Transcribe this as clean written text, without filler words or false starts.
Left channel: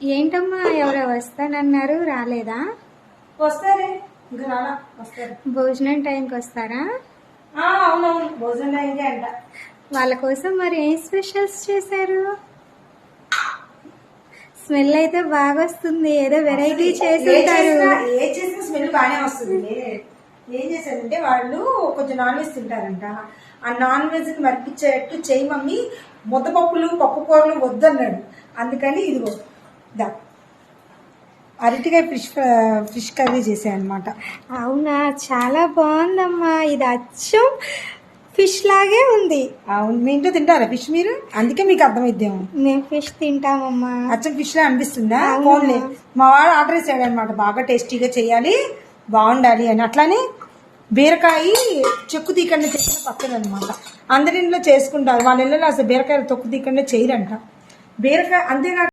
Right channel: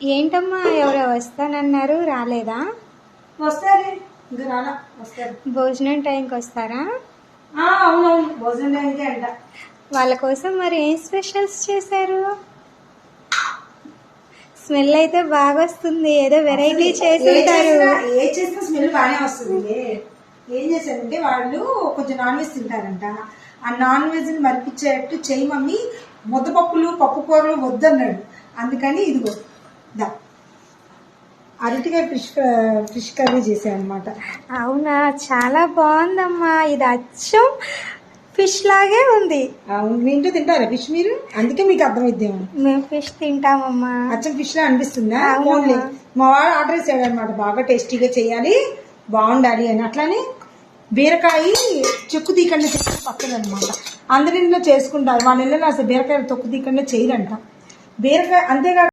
ఏంటమ్మా ఎవరో వస్తానన్నారు, రాలేదా? వస్తారు ఇంకా రాలా, వస్తారు. భోజనం టైంకి వస్తారా? అవునవును, భోజనం టైంకే అంట. వాళ్ళ కోసం మరి ఏం స్పెషల్స్ చేశారు? స్మెల్ అయితే బాగా వస్తుంది, ఏదో వెరైటీ చేసి ఉంటారు. ఏ చేసిన స్మెల్ బాగానే వస్తుంది. ఏం చేశారంటే వాళ్ళు కొంచెం నాన్ వెజ్ తింటారంట. ఆ నాన్ వెజ్ ని మరిపించేటట్టు చేయి మమ్మీ, ముద్దపప్పులు పప్పు కూరలు వద్దన్నాడు. అందుకని ఇదిగో అరటికాయ ఫిష్ కర్రీ చేశానమాట. అవునా, చాలా బాగుందమ్మా. ఇది అచ్చం ఫిష్ లాగే ఉంది. అవును, మీ ఇంట్లో తింటారా ఫిష్ మీరు? అందుకే మీకు అర్థమైద్దేమో. మేము ఫిష్ తింటామమ్మా. అచ్చం ఫిష్ లా అనిపిస్తుందా? ఓన్లీ మా వాడు ఆర్డర్ చేశాడు అనమాట, బాగా టేస్టీగా చేయాలి, బాగుండాలి అని. అట్లానే బీరకాయ చెక్కు తీయకుండా చేస్తే తప్పదు అనమాట. అందరి ఇంట్లో చేసుకుంటారు, వాళ్ళ ఇళ్ళలో అసలు బీరకాయ తొక్కు తీయకుండా చేయరంట. బీరకాయ అంతేకాదు.